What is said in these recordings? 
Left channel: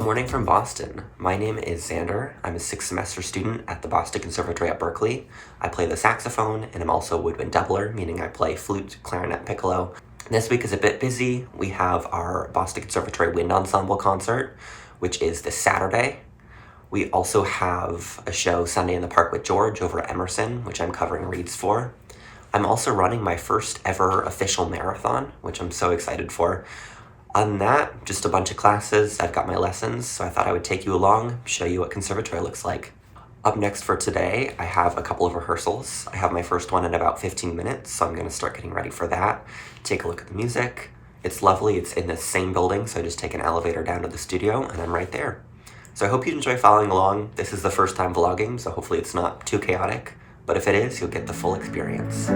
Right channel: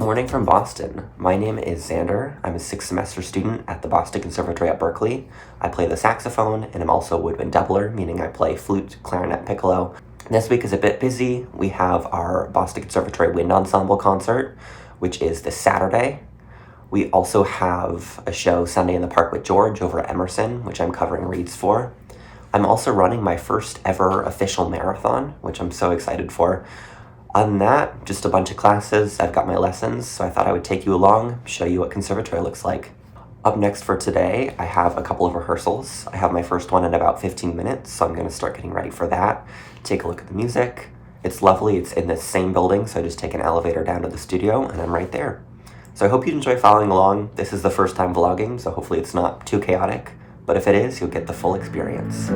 Good morning from Boston. My name is Xander. I'm a 6th semester student at the Boston Conservatory at Berklee. I play the saxophone and I'm also a woodwind doubler, meaning I play flute, clarinet, piccolo. This week is a bit busy. We have our Boston Conservatory Wind Ensemble concert, which is this Saturday. We also have a show Sunday in the Park with George over at Emerson, which I'm covering reads for. I'm also running my first ever official marathon, which I'm so excited for. Other than that, just a bunch of classes. I've got my lessons, so I thought I would take you along, show you what conservatory looks like. Up next for today, I have a couple of rehearsals. I have my first one in about 15 minutes, so I'm gonna start getting ready for that. Take a look at the music. It's lovely, it's in the same building, so I just take an elevator down to the studio and I'm right there. So I hope you enjoy following along. This is the first time vlogging, so hopefully it's not too chaotic, but if it is, you'll get the full experience.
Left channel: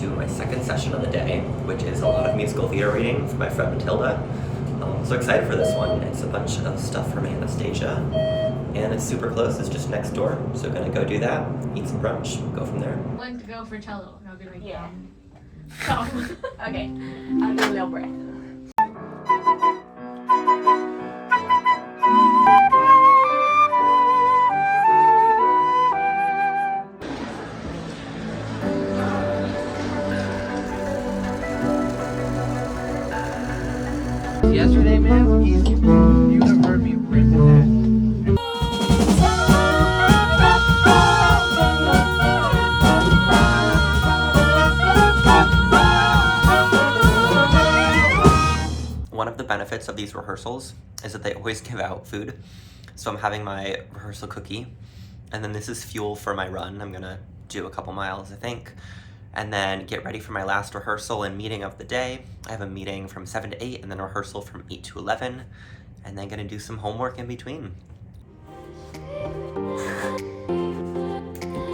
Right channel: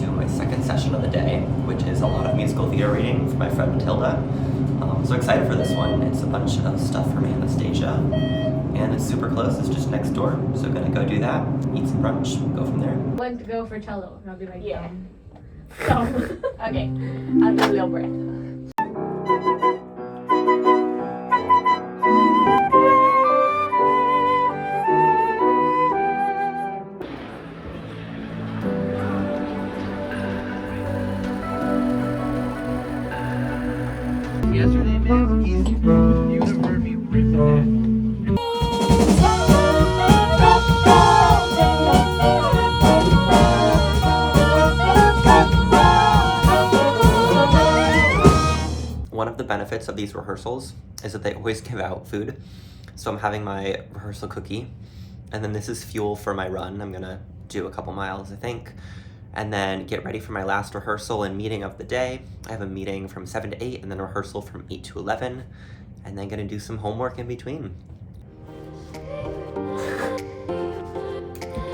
To my second session of the day, which is a lot of musical theater reading from my friend Matilda. So excited for this one. It's a bunch of stuff from Anastasia, and it's super close. It's just next door. So gonna go do that, eat some brunch, go from there. One to go for cello, and I'll be like, yeah. Okay, I'll do a little breath. Yesterday, man, you would have heard me ripping that. One of the benefits of these rehearsals is that they always give out food. So I'm having my rehearsal cookie, and then this is fuel for my run. I'm gonna do a couple miles, I think, and then get ready for my last rehearsal and meeting of the day. I have a meeting from 7 to 8 and then rehearsal from 8 to 11, and then gonna do some homework in between.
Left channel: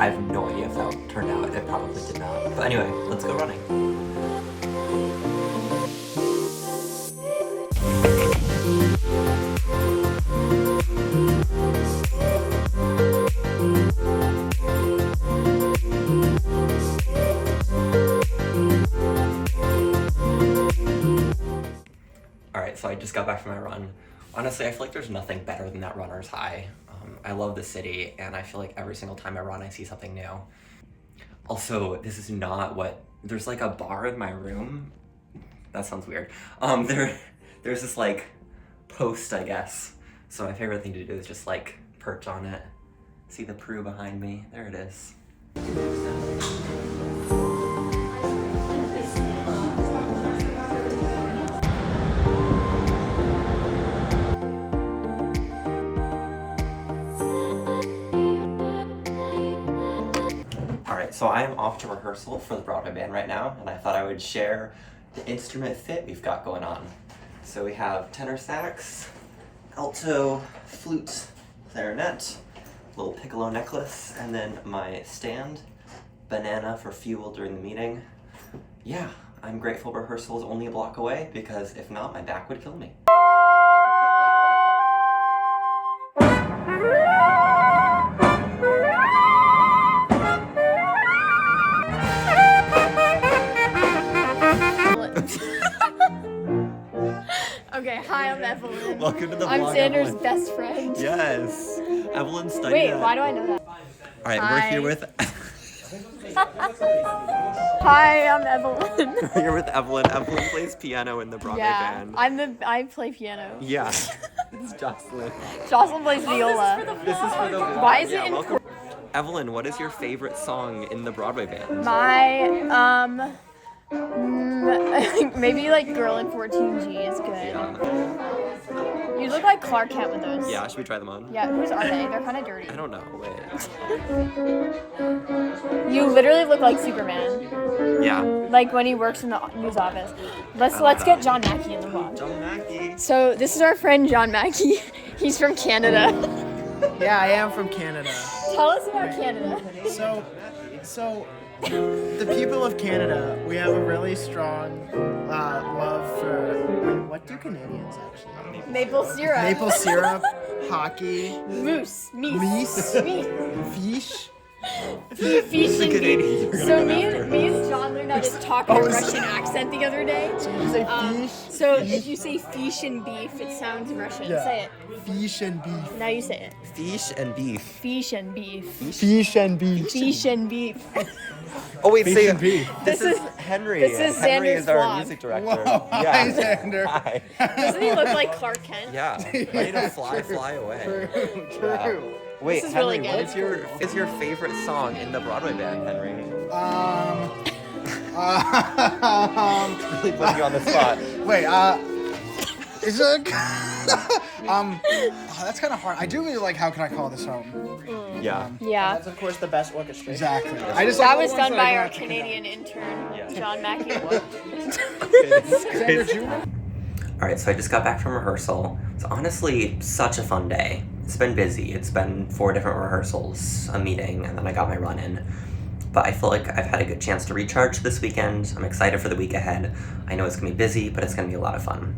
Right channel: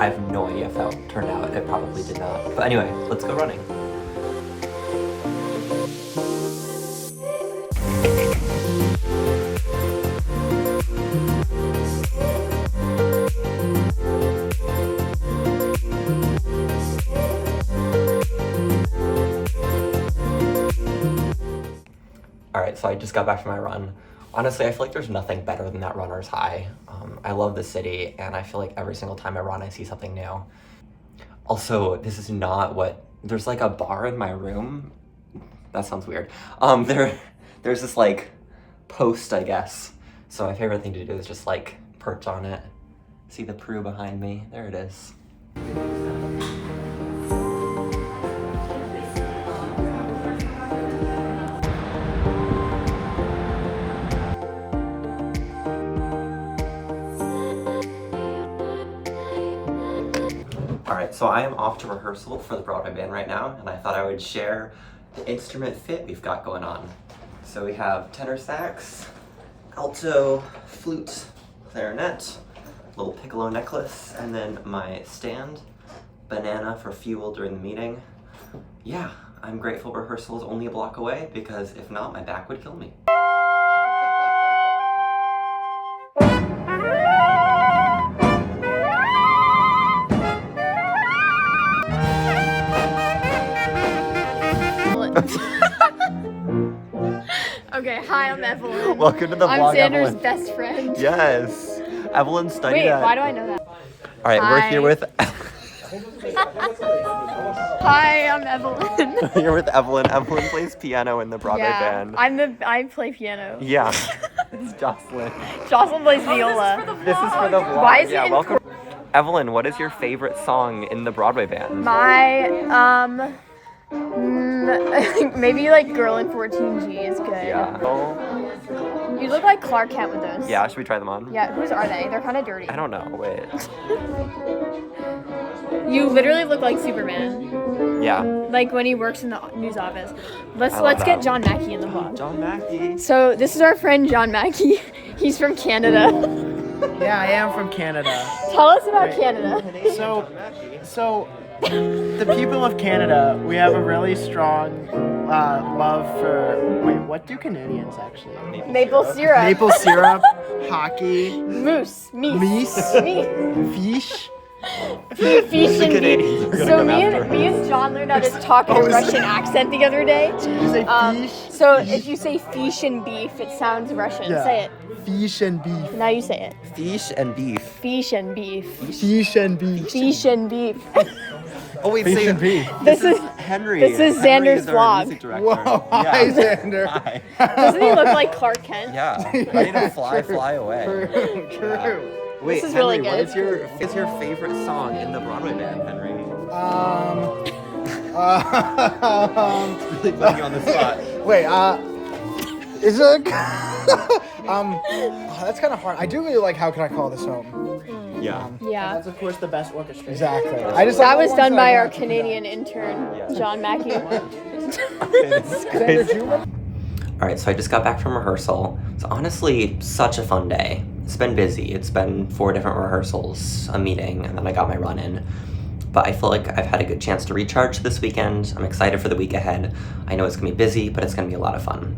I have no idea if that turned out. It probably did not. But anyway, let's go running. Alright, so I just got back from my run. Honestly, I feel like there's nothing better than that runner's high. I love the city, and I feel like every single time I run, I see something new. Also, this is not what... There's like a bar in my room. That sounds weird. There's this like post, I guess. So my favorite thing to do is just like perch on it. See the Prue behind me? There it is. Alright, so I am off to rehearsal for the Broadway band right now, and I thought I would share the instrument fit we've got going on. So we have tenor sax, alto, flute, clarinet, little piccolo necklace, and then my stand, banana for fuel during the meeting. Yeah, I'm grateful rehearsal is only a block away, because if not, my back would kill me. Okay, hi, I'm Evelyn. Welcome to the vlog, I'm Xander's Evelyn. best friend. Yes, Evelyn studied Wait, at... why do I know that? Alright, Hi. we're here with... Hi, I'm Evelyn. We're here with Evelyn. Evelyn plays piano in the Broadway band. I play piano. Yeah, it's Jocelyn. Jocelyn plays viola. This is for the vlog. Why is it in welcome. Evelyn, what is your favorite song in the Broadway band? My, maybe like Girl in 14G is good. Yeah. You look like Clark Kent with those. Yeah, should we try them on? Yeah, whose are they? They're kind of dirty. I don't know, wait. You literally look like Superman. Yeah. Like when he works in the news office. I love Let's get that. John Mackey in the vlog. John Mackey. So this is our friend John Mackey. He's from Canada. Yeah, I am from Canada. Tell us about Canada. So the people of Canada, we have a really strong love for. Wait, what do Canadians actually? Maple syrup. Maple syrup, hockey, Moose. Meat. meese, Meat. fish. Fish and Canadians beef. are So gonna me and John learned how to talk in Oh, a is Russian accent the other day. You say fish. So if you say fish and beef, it sounds Russian. Yeah. Say it. Fish and beef. Now you say it. Fish and beef. Fish and beef. Fish and beef. Fish and beef. Oh wait, Fish say and beef. This is Henry. this is Henry Xander's is our vlog. music director. Whoa, hi, Yeah. Xander. Hi. Doesn't he look like Clark Kent? Yeah. Ready to fly away. True. Wait, This is Henry, really what good. is your favorite song in the Broadway band, Henry? Really putting you on the spot. Wait, is it? Oh, that's kind of hard. I do really like How Can I Call This Home? Yeah. Yeah. That's of course the best orchestra. Exactly. That was done by our Canadian intern, John Mackey. Alright, so I just got back from rehearsal. It's honestly such a fun day. It's been busy. It's been 4 different rehearsals, a meeting, and then I got my run in. But I feel like I've had a good chance to recharge this weekend. I'm excited for the week ahead. I know it's gonna be busy, but it's gonna be a lot of fun.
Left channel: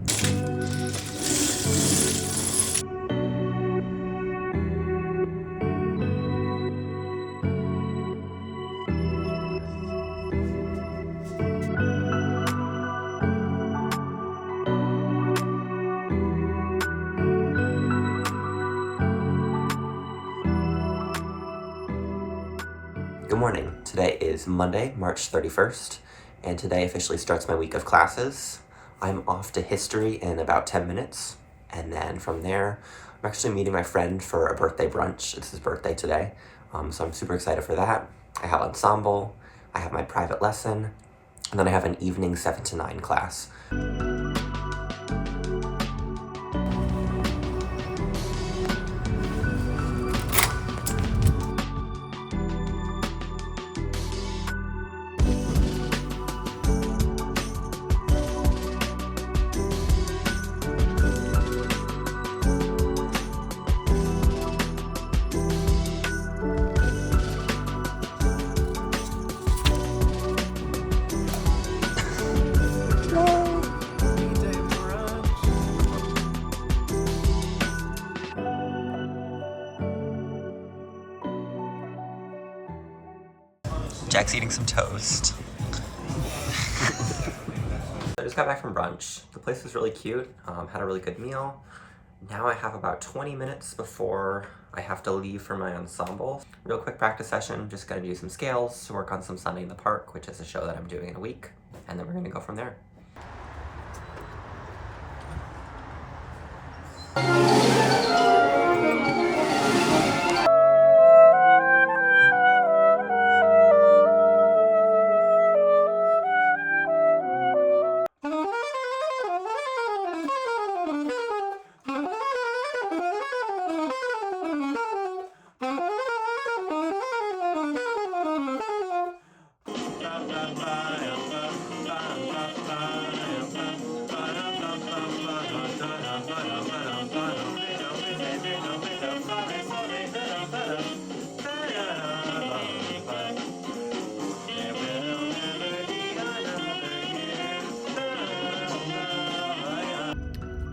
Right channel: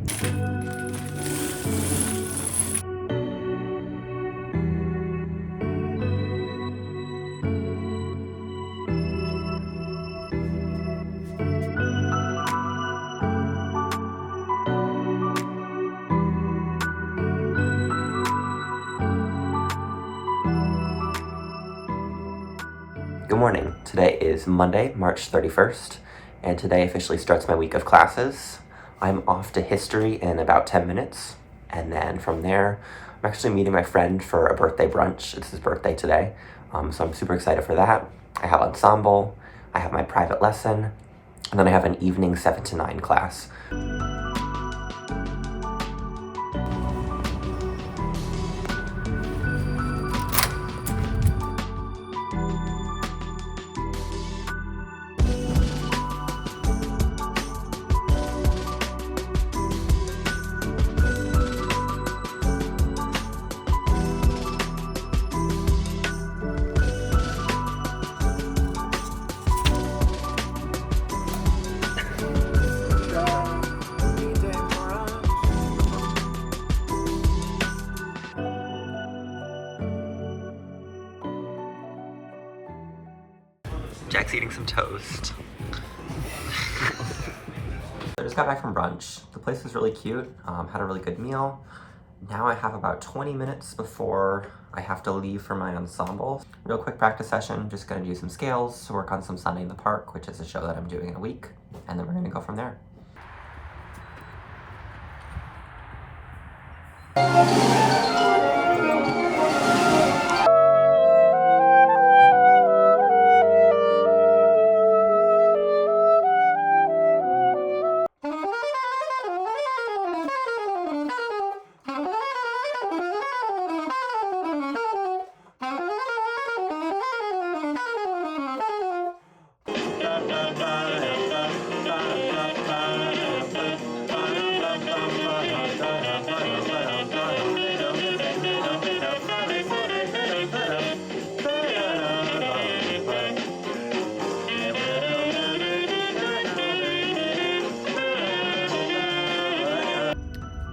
Good morning. Today is Monday, March 31st, and today officially starts my week of classes. I'm off to history in about 10 minutes, and then from there, I'm actually meeting my friend for a birthday brunch. It's his birthday today, so I'm super excited for that. I have ensemble, I have my private lesson, and then I have an evening 7 to 9 class. Jack's eating some toast. I just got back from brunch. The place was really cute, had a really good meal. Now I have about 20 minutes before I have to leave for my ensemble. Real quick practice session, just gonna do some scales, work on some Sunday in the Park, which is a show that I'm doing in a week, and then we're gonna go from there.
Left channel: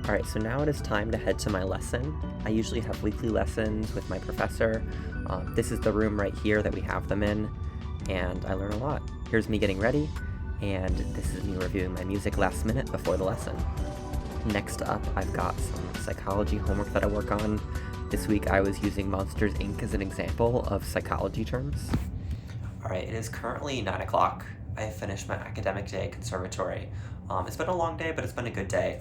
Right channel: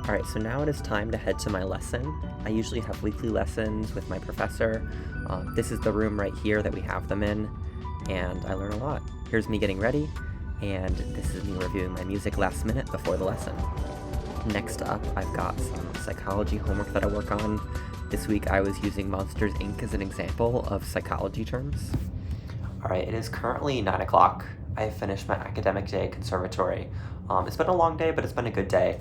Alright, so now it is time to head to my lesson. I usually have weekly lessons with my professor. This is the room right here that we have them in, and I learn a lot. Here's me getting ready, and this is me reviewing my music last minute before the lesson. Next up, I've got some psychology homework that I work on. This week I was using Monsters, Inc. as an example of psychology terms. Alright, it is currently 9 o'clock. I have finished my academic day at Conservatory. It's been a long day, but it's been a good day.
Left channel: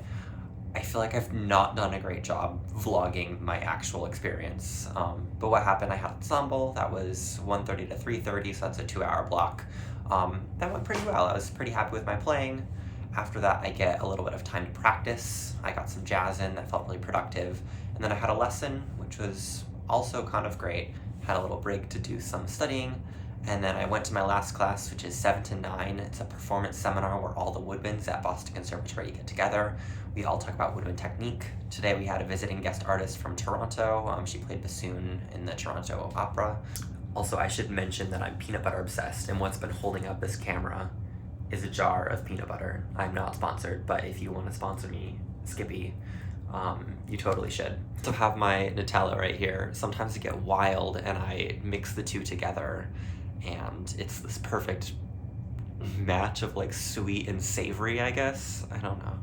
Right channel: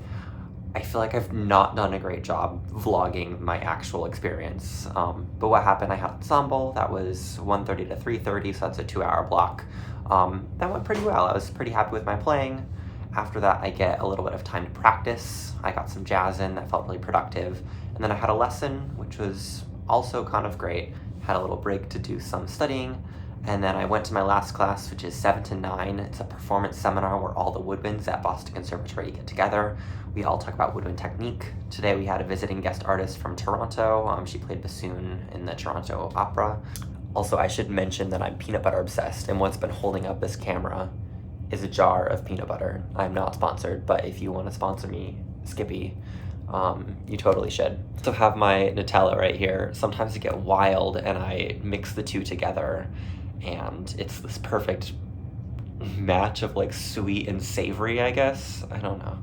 I feel like I've not done a great job vlogging my actual experience. But what happened, I had ensemble, that was 1:30 to 3:30, so that's a 2-hour block. That went pretty well. I was pretty happy with my playing. After that, I get a little bit of time to practice. I got some jazz in, that felt really productive. And then I had a lesson, which was also kind of great. Had a little break to do some studying. And then I went to my last class, which is 7 to 9. It's a performance seminar where all the woodwinds at Boston Conservatory get together. We all talk about woodwind technique. Today we had a visiting guest artist from Toronto. She played bassoon in the Toronto Opera. Also, I should mention that I'm peanut butter obsessed, and what's been holding up this camera is a jar of peanut butter. I'm not sponsored, but if you want to sponsor me, Skippy, you totally should. So have my Nutella right here. Sometimes I get wild and I mix the two together, and it's this perfect match of like sweet and savory, I guess. I don't know.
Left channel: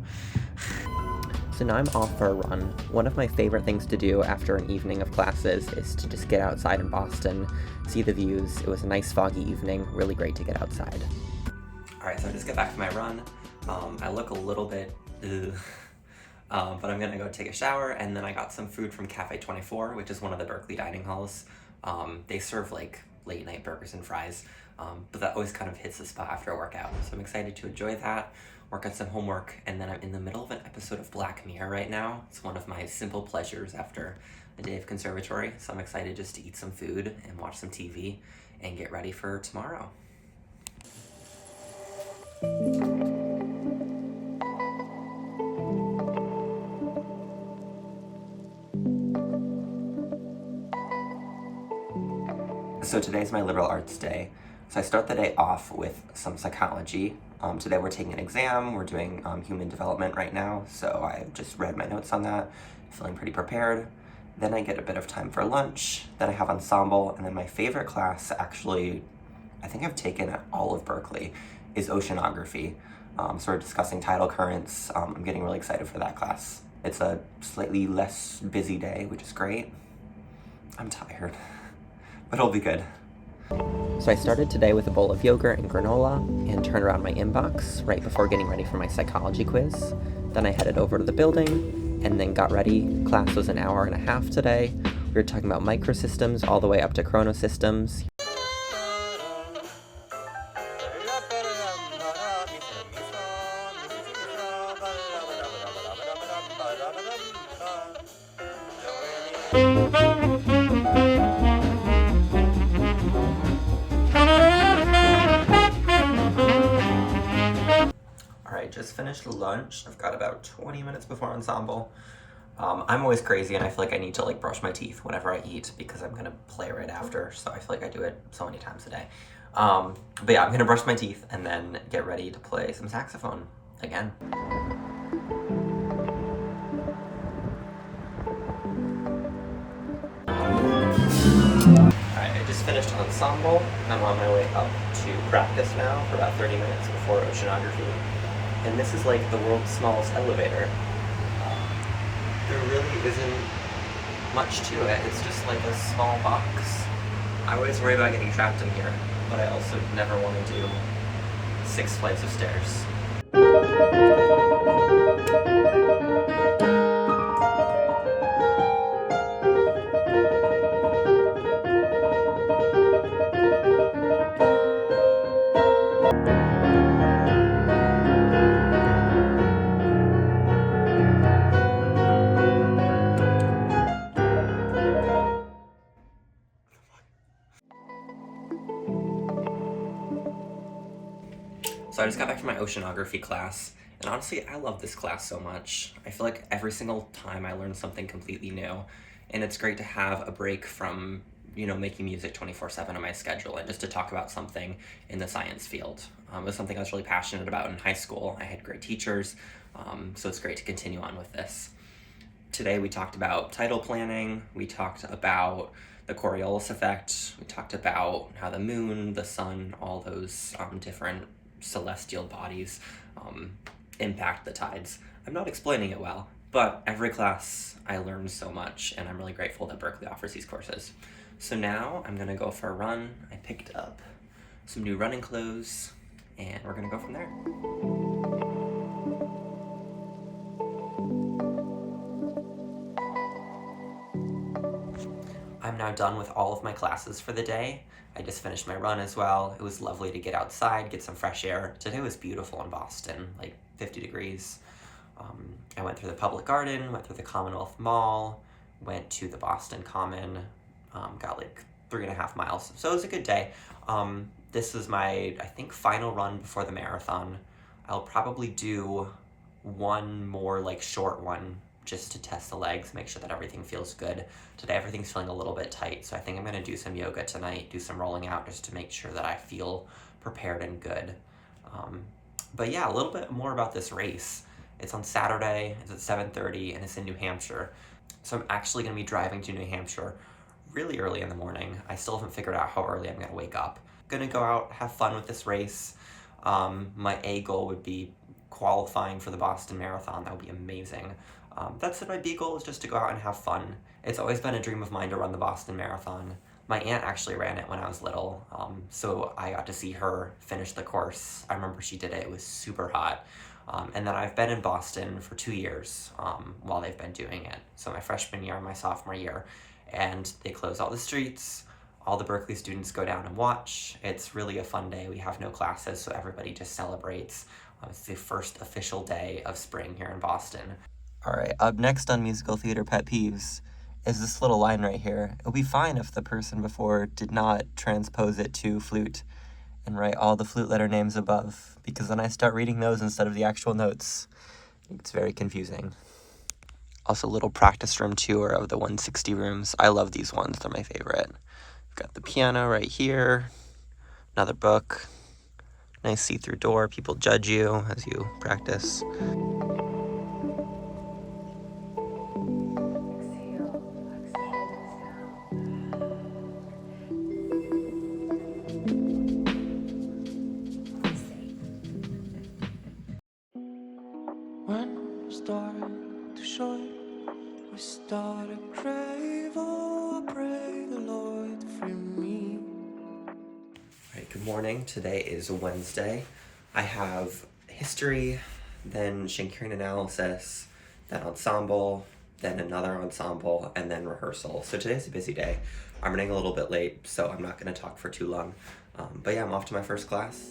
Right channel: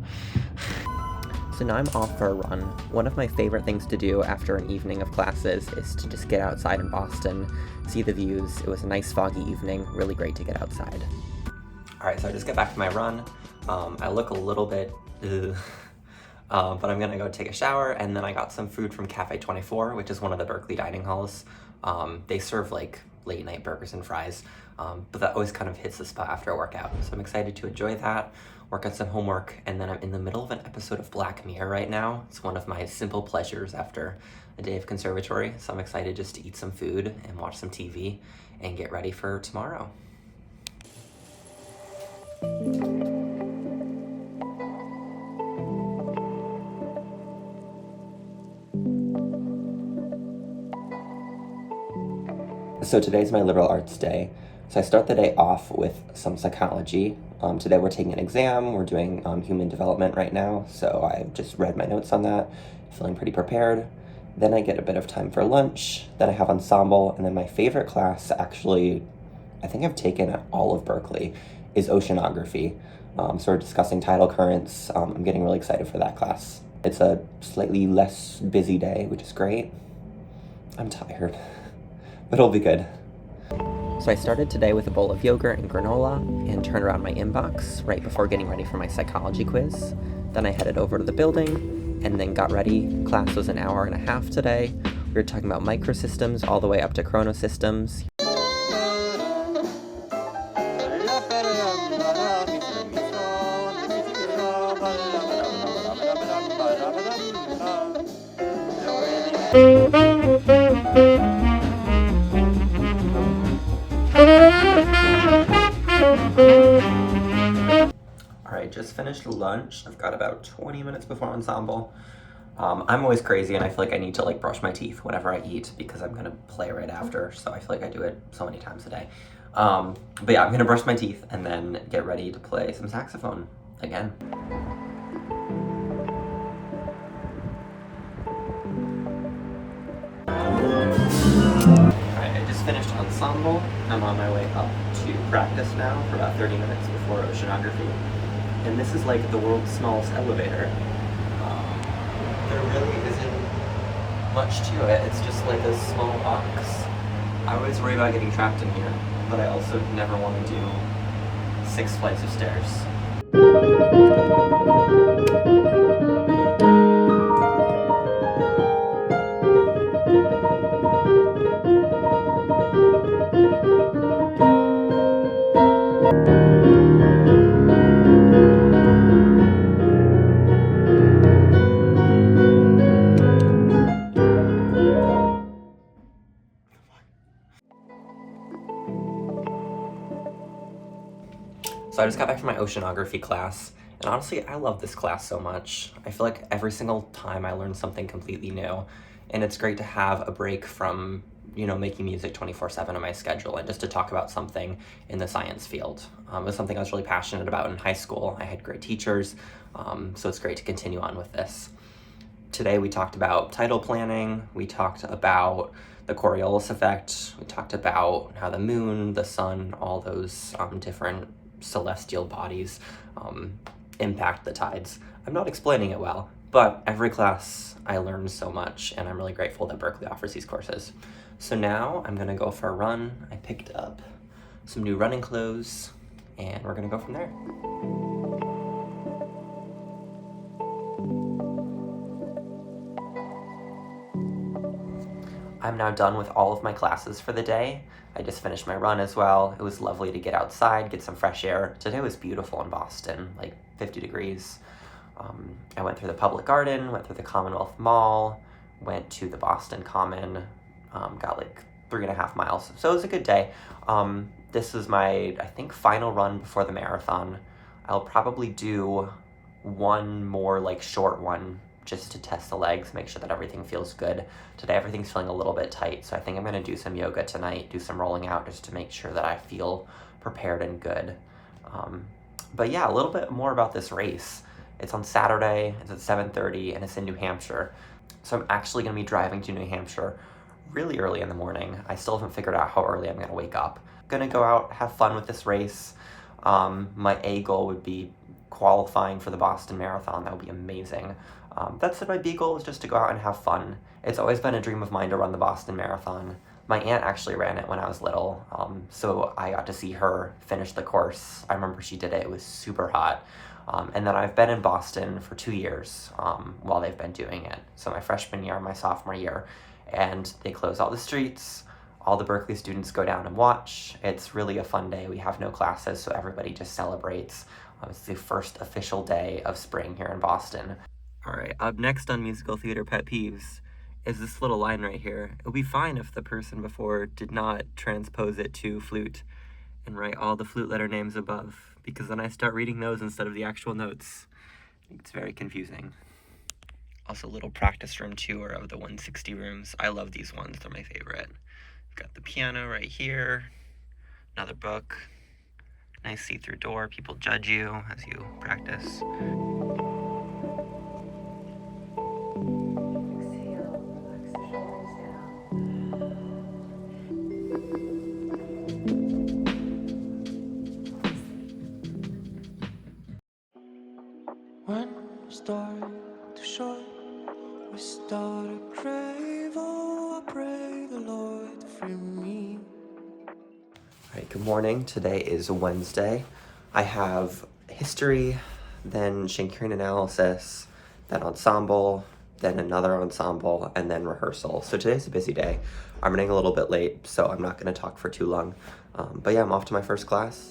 So now I'm off for a run. One of my favorite things to do after an evening of classes is to just get outside in Boston, see the views. It was a nice foggy evening, really great to get outside. All right, so I just got back to my run. I look a little bit, but I'm gonna go take a shower, and then I got some food from Cafe 24, which is one of the Berklee dining halls. They serve like late night burgers and fries, but that always kind of hits the spot after a workout. So I'm excited to enjoy that, work on some homework, and then I'm in the middle of an episode of Black Mirror right now. It's one of my simple pleasures after a day of conservatory, so I'm excited just to eat some food and watch some TV and get ready for tomorrow. So today's my liberal arts day. So I start the day off with some psychology. Today we're taking an exam. We're doing human development right now. So I just read my notes on that, feeling pretty prepared. Then I get a bit of time for lunch. Then I have ensemble. And then my favorite class, actually, I think I've taken at all of Berklee, is oceanography. So we're discussing tidal currents. I'm getting really excited for that class. It's a slightly less busy day, which is great. I'm tired, but it'll be good. So I started today with a bowl of yogurt and granola and turned around my inbox right before getting ready for my psychology quiz. Then I headed over to the building and then got ready. Class was an hour and a half today. We were talking about microsystems all the way up to chronosystems. Alright, just finished lunch. I've got about 20 minutes before ensemble. I'm always crazy and I feel like I need to like brush my teeth whenever I eat because I'm gonna play right after, so I feel like I do it so many times a day. But yeah, I'm gonna brush my teeth and then get ready to play some saxophone again. Finished ensemble. I'm on my way up to practice now for about 30 minutes before oceanography. And this is like the world's smallest elevator. There really isn't much to it. It's just like a small box. I always worry about getting trapped in here, but I also never want to do 6 flights of stairs. So I just got back from my oceanography class, and honestly, I love this class so much. I feel like every single time I learn something completely new, and it's great to have a break from, you know, making music 24/7 on my schedule and just to talk about something in the science field. It was something I was really passionate about in high school. I had great teachers, so it's great to continue on with this. Today we talked about tidal planning, we talked about the Coriolis effect, we talked about how the moon, the sun, all those different celestial bodies impact the tides. I'm not explaining it well, but every class I learned so much, and I'm really grateful that Berklee offers these courses. So now I'm gonna go for a run. I picked up some new running clothes, and we're gonna go from there. I'm now done with all of my classes for the day. I just finished my run as well. It was lovely to get outside, get some fresh air. Today was beautiful in Boston, like 50 degrees. I went through the Public Garden, went through the Commonwealth Mall, went to the Boston Common, got like 3.5 miles. So it was a good day. This is my, I think, final run before the marathon. I'll probably do one more like short one just to test the legs, make sure that everything feels good. Today everything's feeling a little bit tight, so I think I'm gonna do some yoga tonight, do some rolling out just to make sure that I feel prepared and good. But yeah, a little bit more about this race. It's on Saturday, it's at 7:30, and it's in New Hampshire. So I'm actually gonna be driving to New Hampshire really early in the morning. I still haven't figured out how early I'm gonna wake up. Gonna go out, have fun with this race. My A goal would be qualifying for the Boston Marathon. That would be amazing. That said, my B goal is just to go out and have fun. It's always been a dream of mine to run the Boston Marathon. My aunt actually ran it when I was little, so I got to see her finish the course. I remember she did it. It was super hot. And then I've been in Boston for 2 years while they've been doing it. So my freshman year and my sophomore year. And they close all the streets. All the Berklee students go down and watch. It's really a fun day. We have no classes, so everybody just celebrates. It's the first official day of spring here in Boston. All right, up next on musical theater pet peeves is this little line right here. It would be fine if the person before did not transpose it to flute and write all the flute letter names above, because then I start reading those instead of the actual notes. It's very confusing. Also, a little practice room tour of the 160 rooms. I love these ones, they're my favorite. Got the piano right here, another book, nice see-through door. People judge you as you practice. When the story too short, we start to crave. Oh, I pray the Lord to free me. All right, good morning. Today is Wednesday. I have history, then Shakespearean analysis, then ensemble, then another ensemble, and then rehearsal. So today's a busy day. I'm running a little bit late, so I'm not going to talk for too long. But yeah, I'm off to my first class.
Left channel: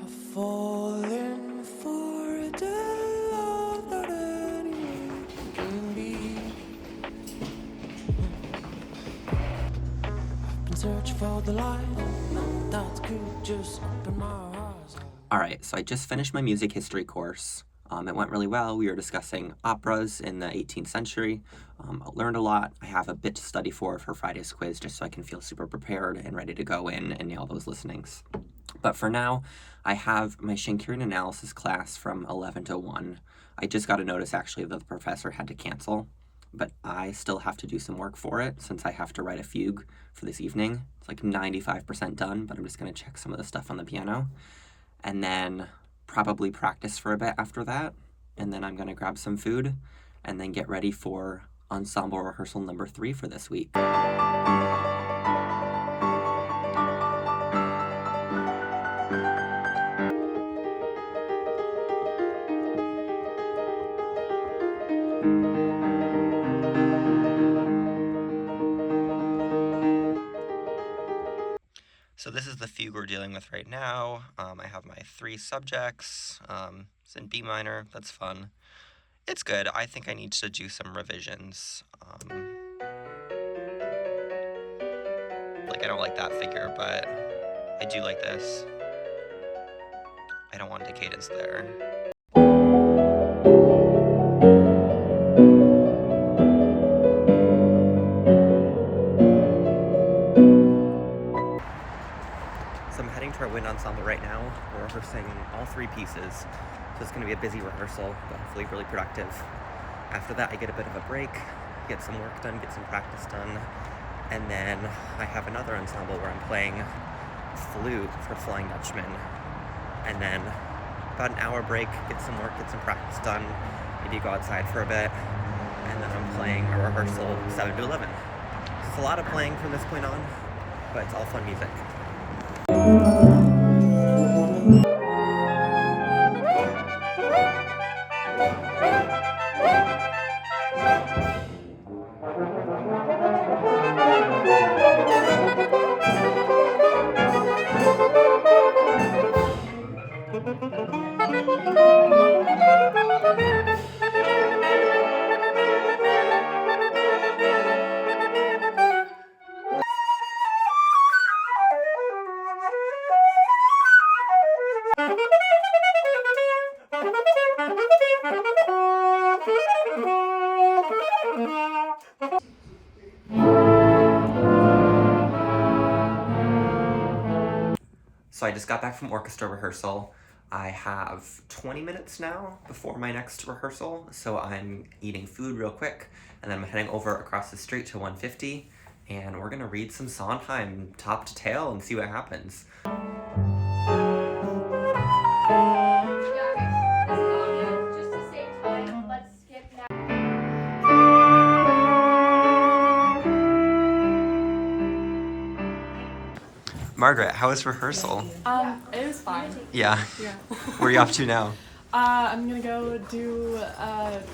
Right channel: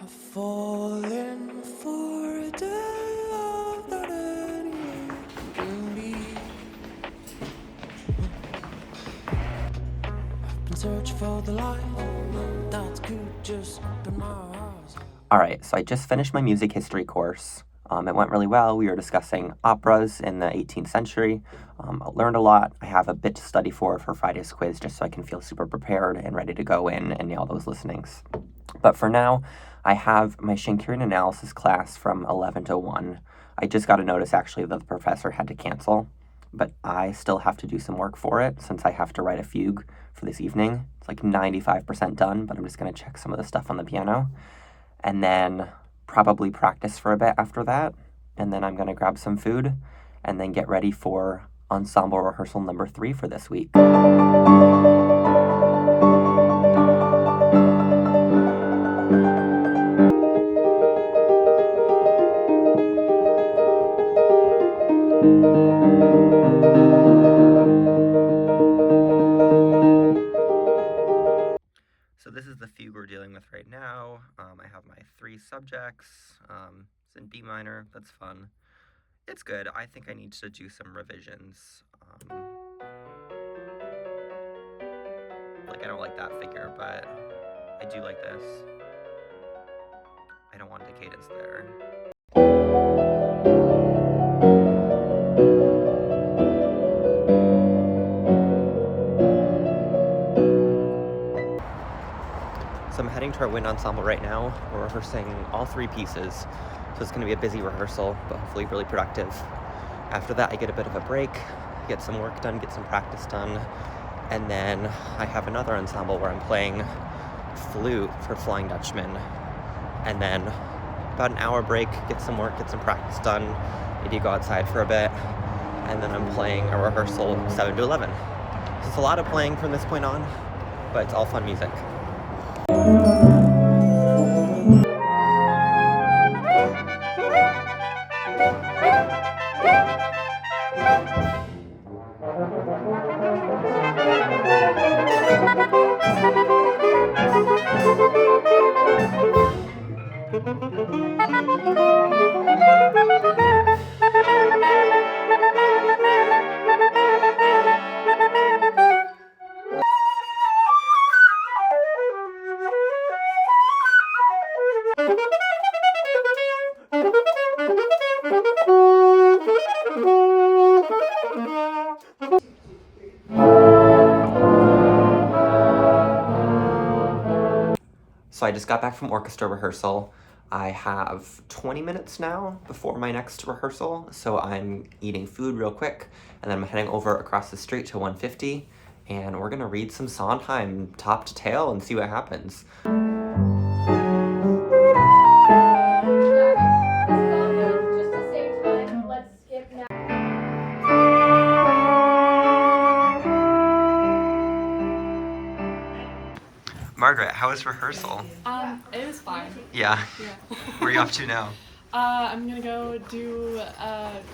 I've fallen for a day without any way to be. I've been searching for the light that could just open my eyes. All right, so I just finished my music history course. It went really well. We were discussing operas in the 18th century. I learned a lot. I have a bit to study for Friday's quiz just so I can feel super prepared and ready to go in and nail those listenings. But for now, I have my Shakespearean analysis class from 11 to 1. I just got a notice actually that the professor had to cancel, but I still have to do some work for it since I have to write a fugue for this evening. It's like 95% done, but I'm just going to check some of the stuff on the piano. And then probably practice for a bit after that. And then I'm going to grab some food and then get ready for ensemble rehearsal number 3 for this week. So this is the fugue we're dealing with right now. I have my 3 subjects. It's in B minor. That's fun. It's good. I think I need to do some revisions. Like, I don't like that figure, but I do like this. I don't want the cadence there. So I'm heading to our wind ensemble right now. We're rehearsing all 3 pieces. So it's going to be a busy rehearsal, but hopefully really productive. After that, I get a bit of a break, get some work done, get some practice done. And then I have another ensemble where I'm playing flute for Flying Dutchman. And then about an hour break, get some work, get some practice done, maybe go outside for a bit. And then I'm playing a rehearsal 7 to 11. So it's a lot of playing from this point on, but it's all fun music. So I just got back from orchestra rehearsal. I have 20 minutes now before my next rehearsal, so I'm eating food real quick, and then I'm heading over across the street to 150, and we're gonna read some Sondheim top to tail and see what happens. Margaret, how was rehearsal? It was fine. Yeah. Yeah. Where are you off to now? I'm gonna go do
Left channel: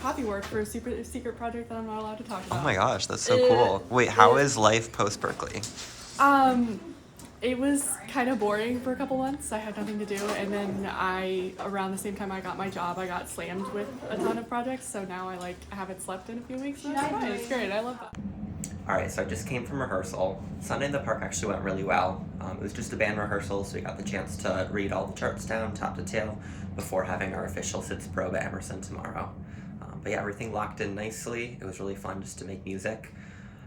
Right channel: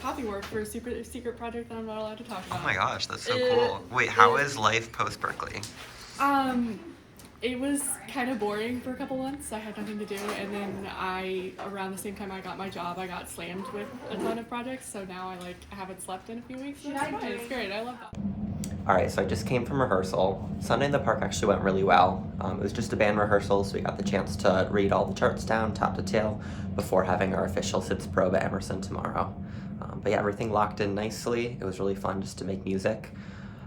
copy work for a secret project that I'm not allowed to talk about. Oh my gosh, that's so cool. Wait, how is life post Berklee? It was kind of boring for a couple months. I had nothing to do, and then around the same time I got my job, I got slammed with a ton of projects. So now I haven't slept in a few weeks. And that's fine. It's great. I love that. All right, so I just came from rehearsal. Sunday in the Park actually went really well. It was just a band rehearsal, so we got the chance to read all the charts down, top to tail, before having our official Sitz probe at Emerson tomorrow. But yeah, everything locked in nicely. It was really fun just to make music.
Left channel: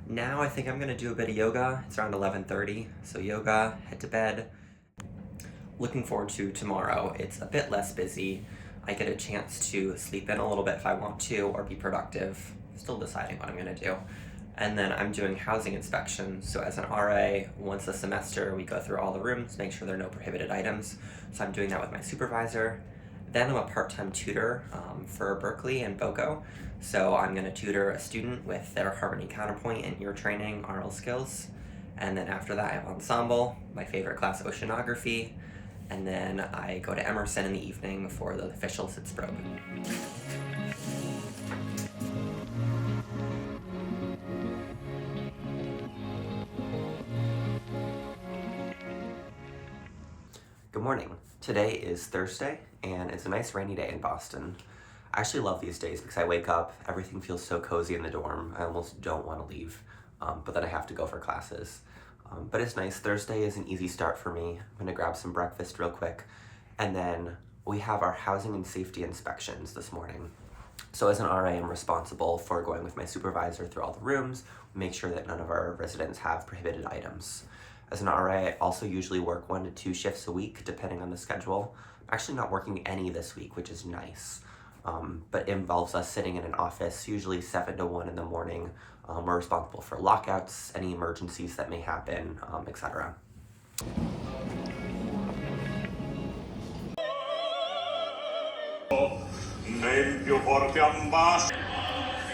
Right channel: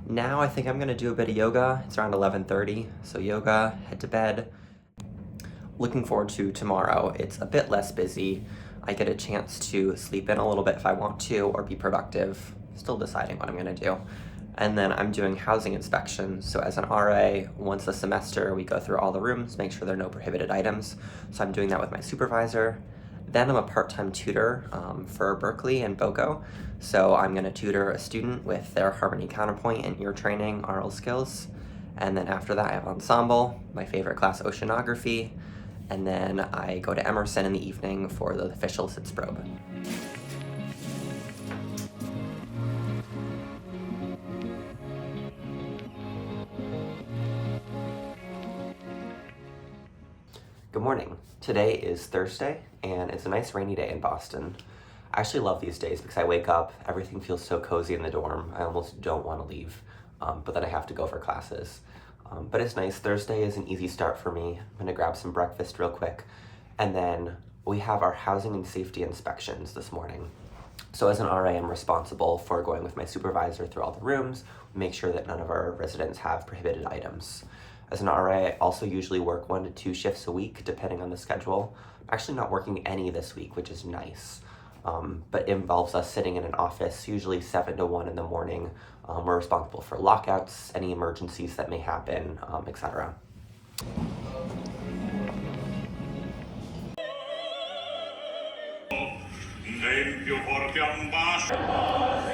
Now I think I'm gonna do a bit of yoga. It's around 11:30, so yoga, head to bed. Looking forward to tomorrow. It's a bit less busy. I get a chance to sleep in a little bit if I want to, or be productive. Still deciding what I'm gonna do. And then I'm doing housing inspections. So as an RA, once a semester, we go through all the rooms, make sure there are no prohibited items. So I'm doing that with my supervisor. Then I'm a part-time tutor for Berklee and BoCo. So I'm gonna tutor a student with their harmony counterpoint and ear training, oral skills. And then after that, I have ensemble, my favorite class, oceanography. And then I go to Emerson in the evening for the official Sitz probe. Good morning. Today is Thursday, and it's a nice rainy day in Boston. I actually love these days because I wake up, everything feels so cozy in the dorm. I almost don't want to leave, but then I have to go for classes. But it's nice. Thursday is an easy start for me. I'm gonna grab some breakfast real quick, and then we have our housing and safety inspections this morning. So as an RA, I'm responsible for going with my supervisor through all the rooms, make sure that none of our residents have prohibited items. As an RA, I also usually work 1 to 2 shifts a week, depending on the schedule. I'm actually not working any this week, which is nice. But it involves us sitting in an office, usually 7 to 1 in the morning. We're responsible for lockouts, any emergencies that may happen, etc.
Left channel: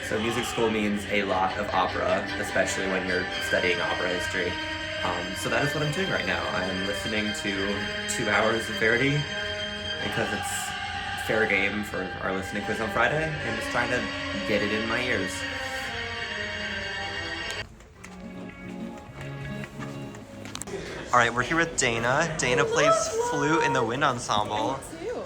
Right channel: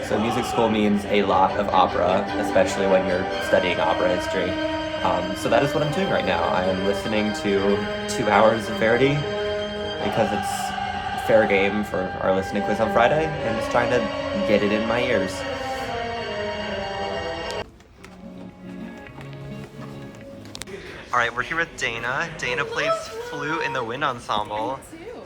So music school means a lot of opera, especially when you're studying opera history. So that is what I'm doing right now. I am listening to 2 hours of Verdi because it's fair game for our listening quiz on Friday, and just trying to get it in my ears. All right, we're here with Dana. Dana plays flute in the wind ensemble.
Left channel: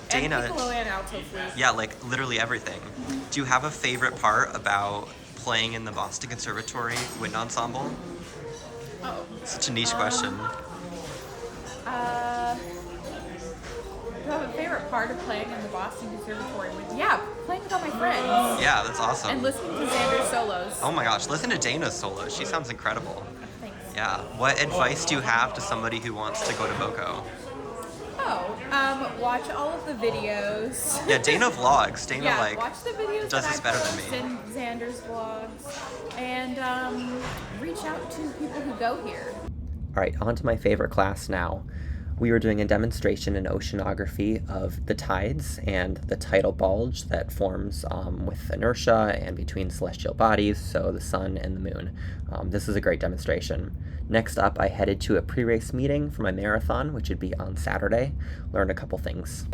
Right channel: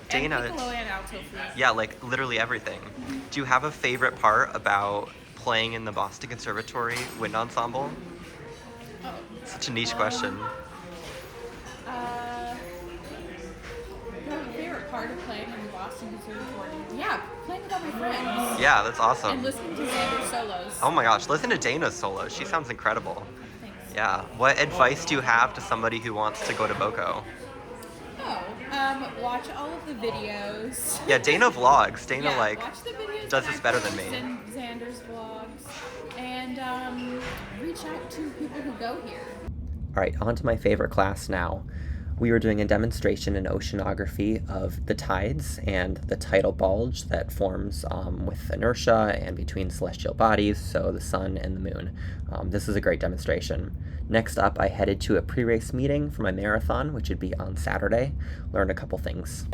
Dana, and piccolo and alto flute. Yeah, like literally everything. Do you have a favorite part about playing in the Boston Conservatory wind ensemble? Oh. Such a niche question. Do you have a favorite part of playing in the Boston Conservatory? Yeah, playing with all my friends. Yeah, that's awesome. And listening to Xander's solos. Oh my gosh, listen to Dana's solo. She sounds incredible. Thanks. Yeah. What advice do you have to somebody who wants to go to BoCo? Watch all of the videos. Yeah, Dana vlogs. Dana watch the videos does that this I better than post me. And Xander's vlogs, and reach out to people who go here. All right, on to my favorite class now. We were doing a demonstration in oceanography of the tides and the tidal bulge that forms with inertia and between celestial bodies, so the sun and the moon. This is a great demonstration. Next up, I headed to a pre-race meeting for my marathon, which would be on Saturday. Learned a couple things.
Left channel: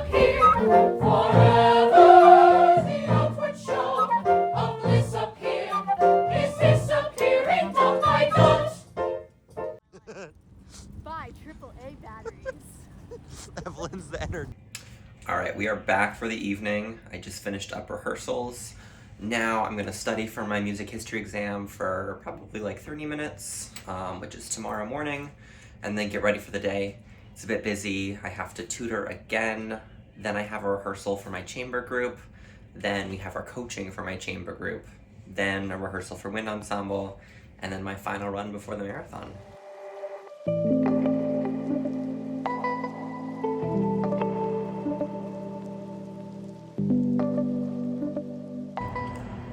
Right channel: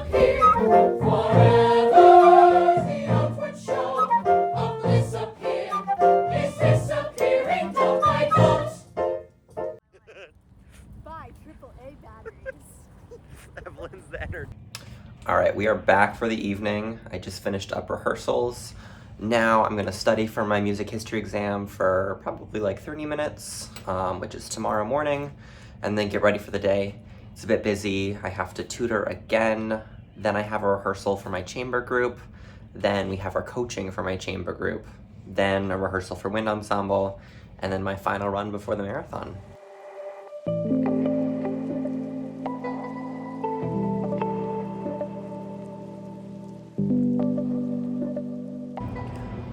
All right, we are back for the evening. I just finished up rehearsals. Now I'm gonna study for my music history exam for probably like 30 minutes, which is tomorrow morning, and then get ready for the day. It's a bit busy. I have to tutor again. Then I have a rehearsal for my chamber group. Then we have our coaching for my chamber group. Then a rehearsal for wind ensemble. And then my final run before the marathon.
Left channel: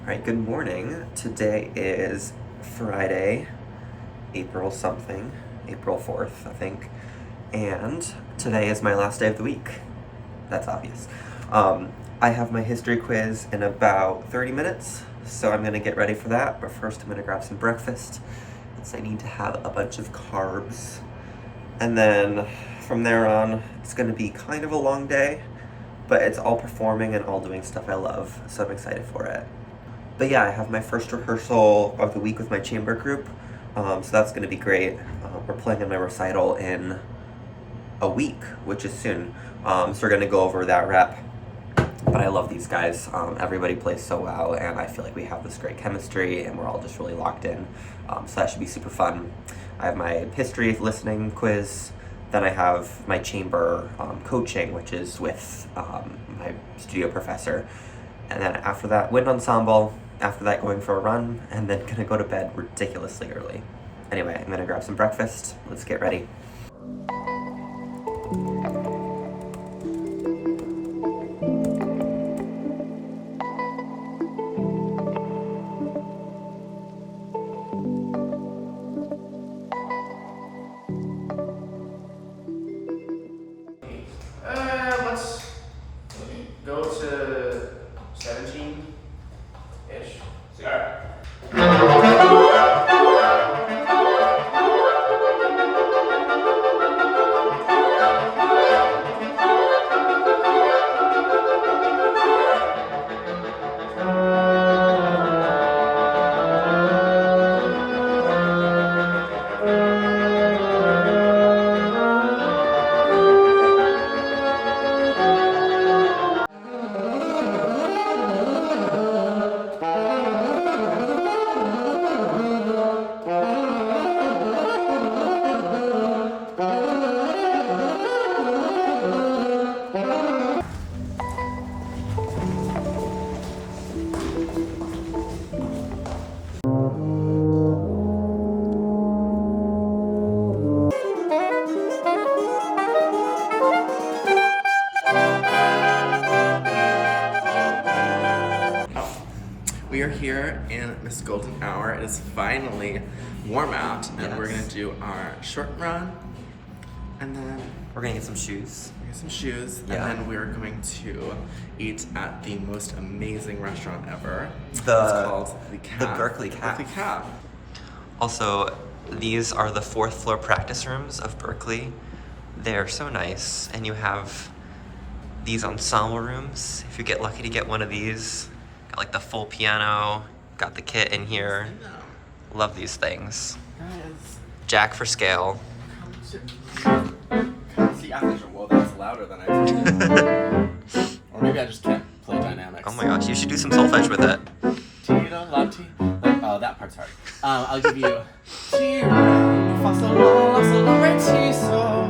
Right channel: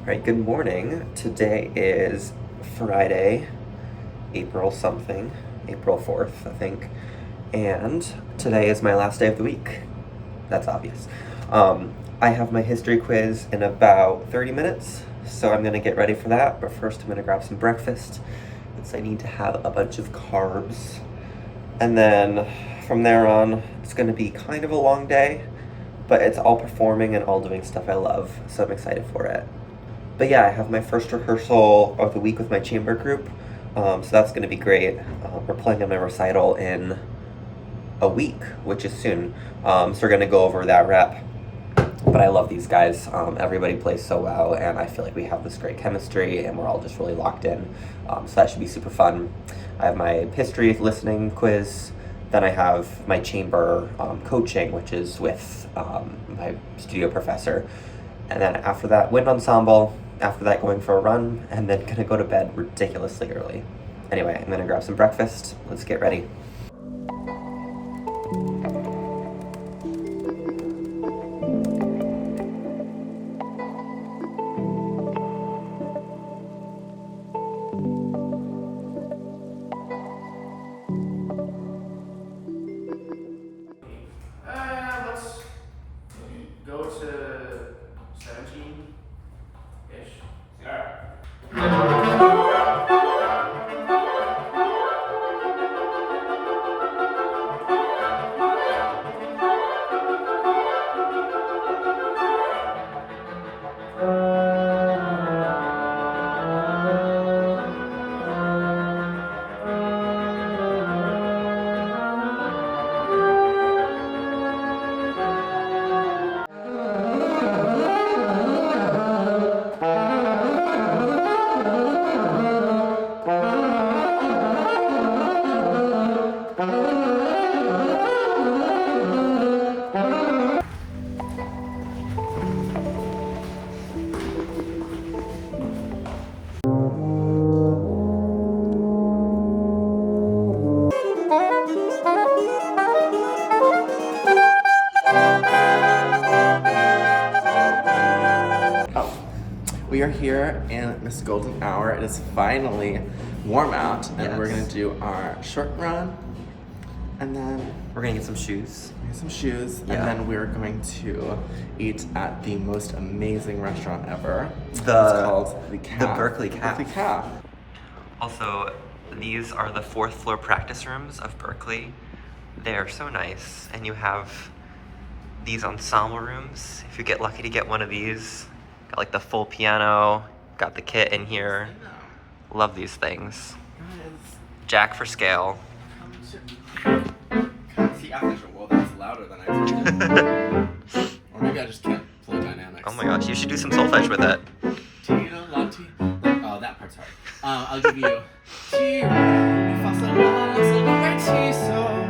All right, good morning. Today is Friday, April 4th, I think. And today is my last day of the week. That's obvious. I have my history quiz in about 30 minutes, so I'm gonna get ready for that. But first I'm gonna grab some breakfast, since I need to have a bunch of carbs. And then from there on, it's gonna be kind of a long day, but it's all performing and all doing stuff I love, so I'm excited for it. But yeah, I have my first rehearsal of the week with my chamber group, so that's gonna be great. We're playing in my recital in a week, which is soon. So we're gonna go over that rep. But I love these guys. Everybody plays so well, and I feel like we have this great chemistry, and we're all just really locked in. So that should be super fun. I have my history listening quiz. Then I have my chamber coaching, which is with my studio professor. And then after that, wind ensemble. After that, going for a run, and then gonna go to bed ridiculously early. Anyway, I'm gonna grab some breakfast. Let's get ready. Let's go to 17-ish. Alright. We are here in this golden hour. It is finally warm out, and we're gonna do our short run, and then We're gonna get some shoes. get some shoes, Yeah. and then we're going to eat at the most amazing restaurant ever. It's The called the Calf. Berklee Calf. Berklee Calf. Also, these are the 4th floor practice rooms of Berklee. They're so nice, and you have these ensemble rooms. If you get lucky to get one of these, got like the full piano, got the kit in here. Love these things. Jack for scale. See, well, that's louder than I thought. Or maybe I just can't play dynamics. Oh my gosh, you should do some solfege with it. Oh, that part's hard. I'll give you Ti, Re, Fa, Sol, La, Sol, La, Re, Ti, Sol.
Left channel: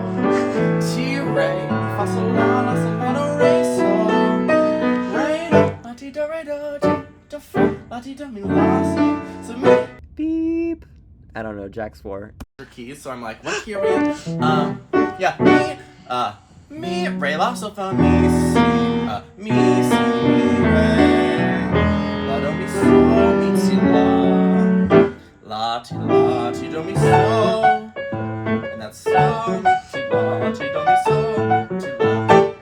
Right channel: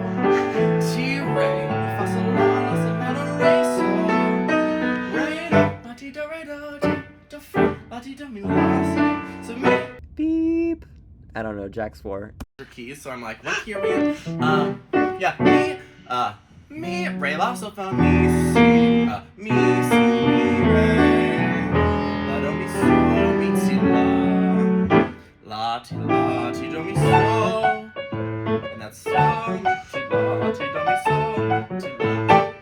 Ti, Re, Fa, Sol, La, Sol, La, Do, Re, Sol. Re, La, Ti, Do, Re, Do, Fa, La, Ti, Do, Mi, La, So mi. Beep. I don't know, Jack's 4. Keys, so I'm like, what key are we in? Yeah, mi, re, la, sol, fa, mi, si, mi, re, la, do, mi, so, mi, ti, la, ti, do, mi, so, and that's so, mi, ti, do, mi, so, ti, la.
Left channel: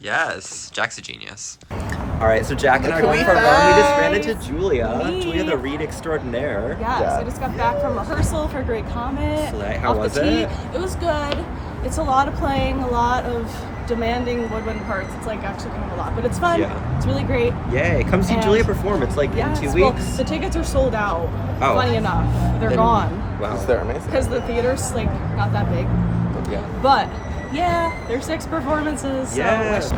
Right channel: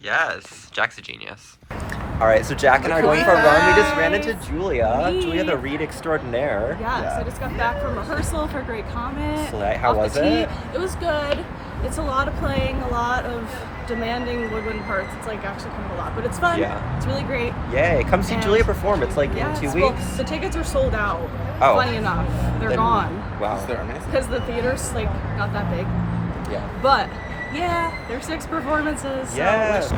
Yes, Jack's a genius. All right, so Jack and I are going for a run. We just ran into Julia. Julia, the read extraordinaire. Yes, I just got back from rehearsal for Great Comet. Right, how was the tee. it? It was good. It's a lot of playing, a lot of demanding woodwind parts. It's like actually kind of a lot, but it's fun. Yeah. It's really great. Yay, come see And- Julia perform. It's like Yes, in 2 well, weeks. the tickets are sold out. Oh. Funny enough, they're gone Wow. They're amazing. because the theater's like not that big. Yeah. But yeah, there's 6 performances. So Yes.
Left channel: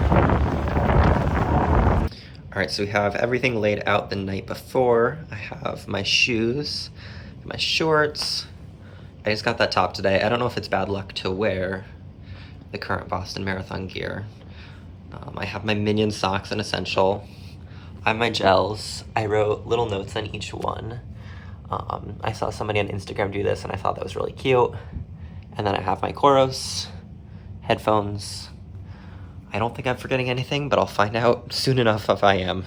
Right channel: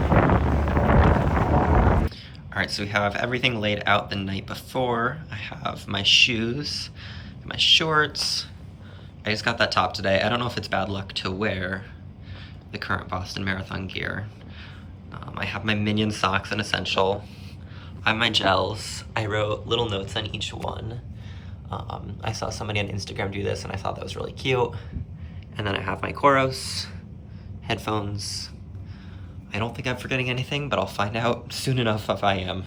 All right, so we have everything laid out the night before. I have my shoes, my shorts. I just got that top today. I don't know if it's bad luck to wear the current Boston Marathon gear. I have my Minion socks and Essential. I have my gels. I wrote little notes on each one. I saw somebody on Instagram do this and I thought that was really cute. And then I have my Koros, headphones. I don't think I'm forgetting anything, but I'll find out soon enough if I am.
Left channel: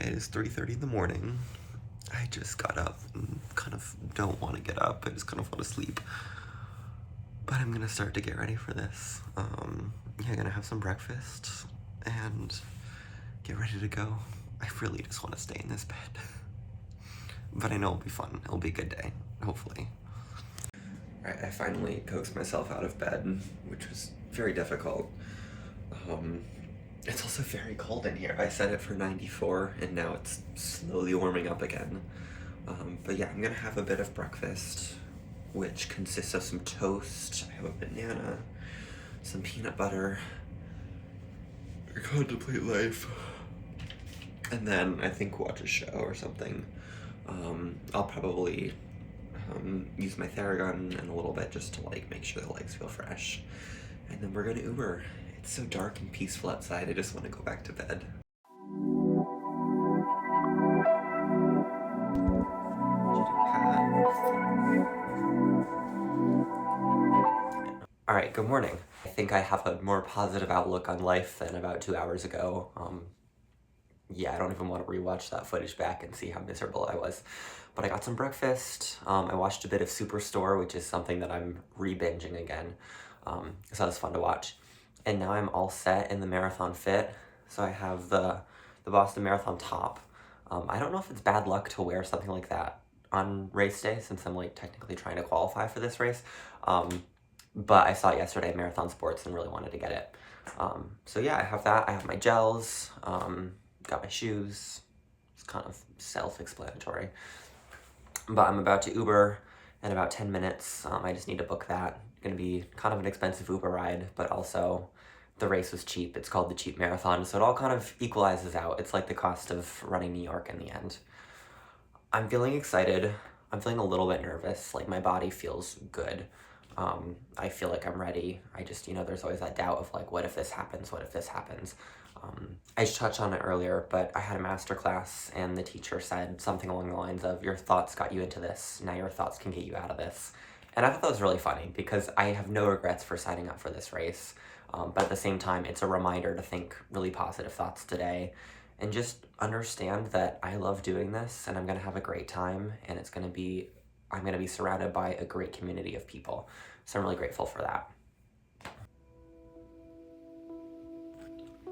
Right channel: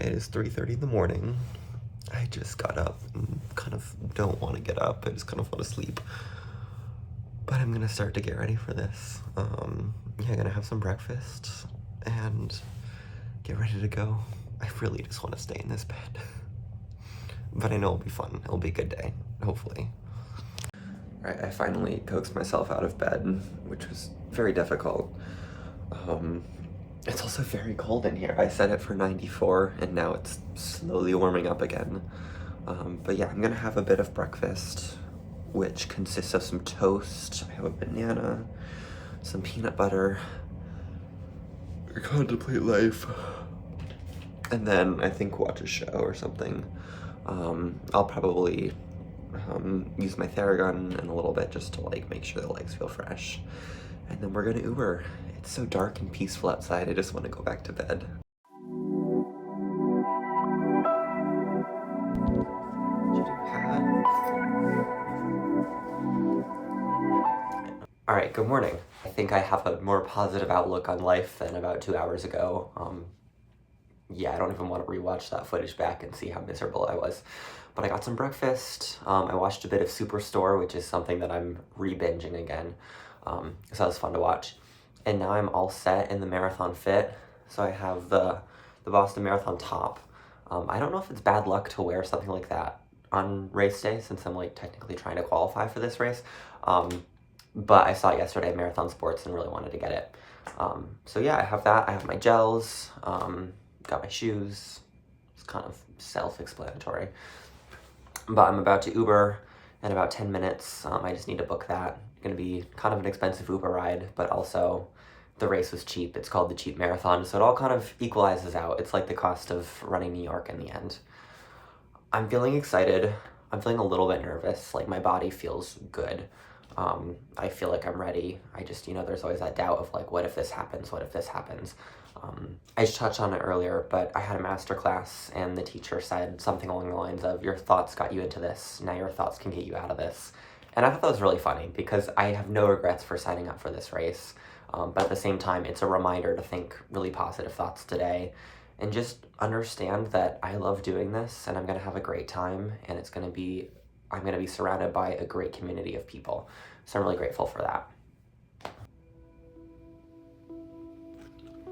It is 3:30 in the morning. I just got up and kind of don't want to get up. I just kind of want to sleep. But I'm gonna start to get ready for this. Yeah, gonna have some breakfast and get ready to go. I really just want to stay in this bed. But I know it'll be fun. It'll be a good day, hopefully. Alright, I finally coaxed myself out of bed, which was very difficult. It's also very cold in here. I set it for 94 and now it's slowly warming up again. But yeah, I'm gonna have a bit of breakfast, which consists of some toast. I have a banana, some peanut butter, contemplate life, and then I think watch a show or something. I'll probably use my Theragun in a little bit just to like make sure the legs feel fresh. And then we're gonna Uber. It's so dark and peaceful outside, I just want to go back to bed. Alright, good morning. I think I have a more positive outlook on life than about 2 hours ago. Yeah, I don't even want to rewatch that footage back and see how miserable I was. But I got some breakfast. I watched a bit of Superstore, which is something that I'm re-binging again. So that was fun to watch. And now I'm all set in the marathon fit. So I have the Boston Marathon top. I don't know if it's bad luck to wear something like that on race day, since I'm like technically trying to qualify for this race. But I saw it yesterday at Marathon Sports and really wanted to get it. So yeah, I have that. I have my gels, got my shoes. It's kind of self-explanatory. But I'm about to Uber in about 10 minutes. I just need to book that. It's gonna be kind of an expensive Uber ride, but also the race was cheap. It's called the Cheap Marathon, so it all kind of equalizes out. It's like the cost of running New York in the end. I'm feeling excited. I'm feeling a little bit nervous. Like my body feels good. I feel like I'm ready. I just, there's always that doubt of like, what if this happens? What if this happens? I just touched on it earlier, but I had a master class and the teacher said something along the lines of, your thoughts got you into this. Now your thoughts can get you out of this. And I thought that was really funny because I have no regrets for signing up for this race. But at the same time, it's a reminder to think really positive thoughts today and just understand that I love doing this and I'm going to have a great time and I'm going to be surrounded by a great community of people. So I'm really grateful for that.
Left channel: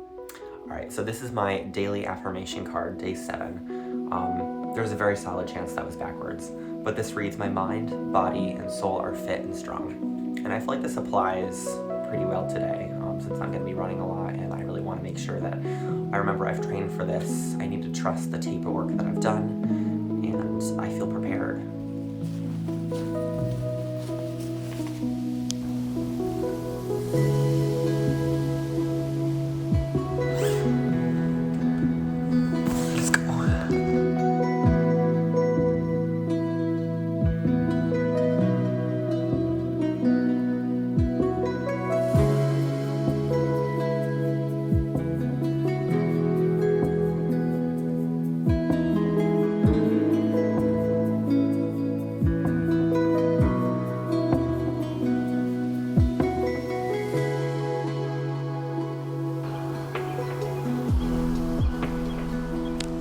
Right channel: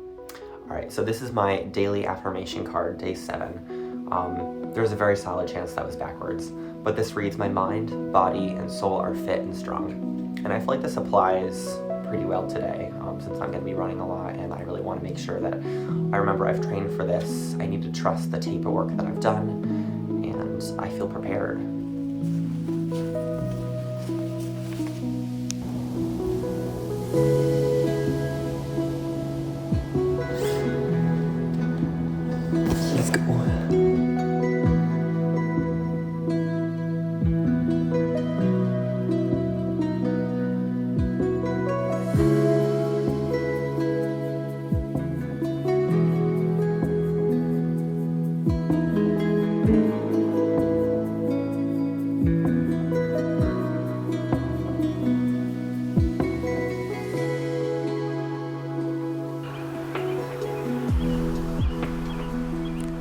All right, so this is my daily affirmation card, day 7. There's a very solid chance that was backwards, but this reads, my mind, body, and soul are fit and strong. And I feel like this applies pretty well today, since I'm gonna be running a lot and I really wanna make sure that I remember I've trained for this. I need to trust the taper work that I've done, and I feel prepared.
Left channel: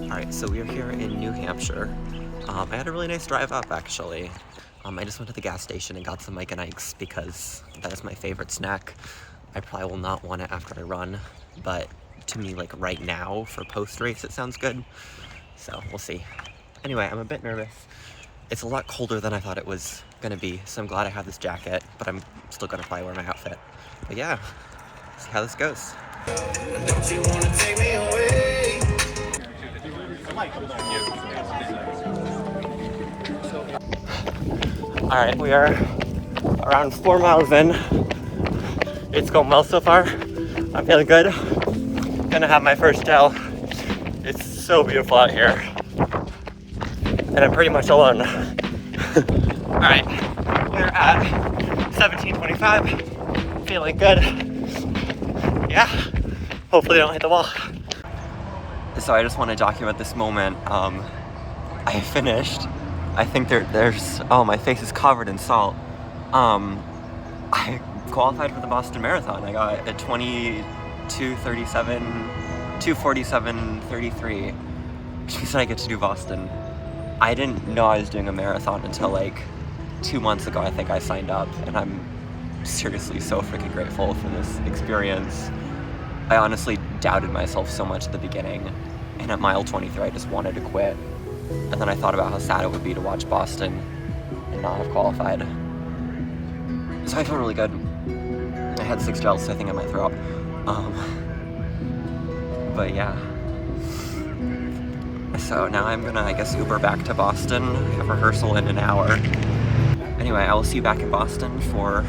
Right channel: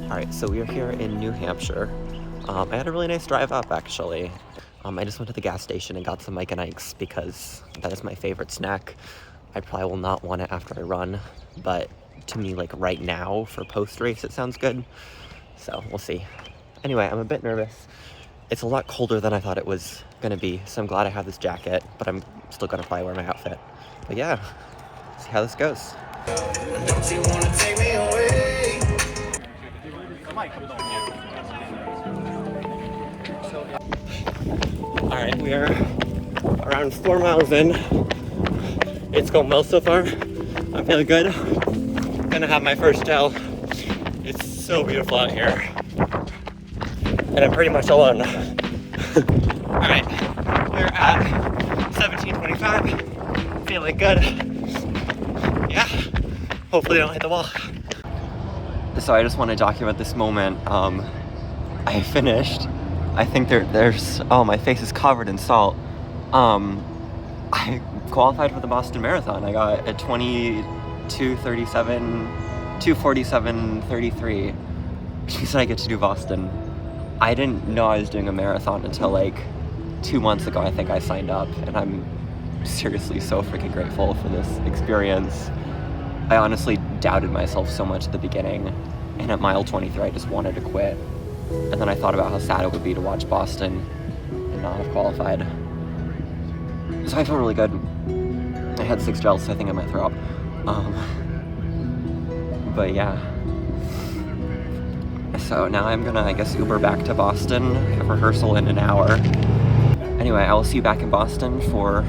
Alright, so we are here in New Hampshire. I had a really nice drive up, actually. I just went to the gas station and got some Mike and Ike's because that is my favorite snack. I probably will not want it after I run, but to me, like right now, for post-race, it sounds good. So, we'll see. Anyway, I'm a bit nervous. It's a lot colder than I thought it was gonna be, so I'm glad I have this jacket, but I'm still gonna probably wear my outfit. But yeah, see how this goes. Don't you wanna take me away? Alright, we are around 4 miles in. It's going well so far. I'm feeling good. gonna have my first gel. It's so beautiful out here. And I'm pretty much alone. Alright, we're at 17:25. Feeling good. Yeah, hopefully I don't hit the wall. So I just want to document this moment. I finished. I think there's, oh, my face is covered in salt. I qualified for the Boston Marathon. I got a 22:37, 2:47:33, which means I get to do Boston. I didn't know I was doing a marathon until like 2 months ago. I think I signed up, and I'm seriously so freaking grateful for this experience. I honestly doubted myself so much at the beginning, and at mile 23 I just wanted to quit. And then I thought about how sad it would be to watch Boston and not have qualified. So I feel really good. I had 6 gels, so I think I might throw up. But yeah. So now I'm gonna, I guess, Uber back to Boston. I have rehearsal in an hour. Anyway, I will see you back in Boston for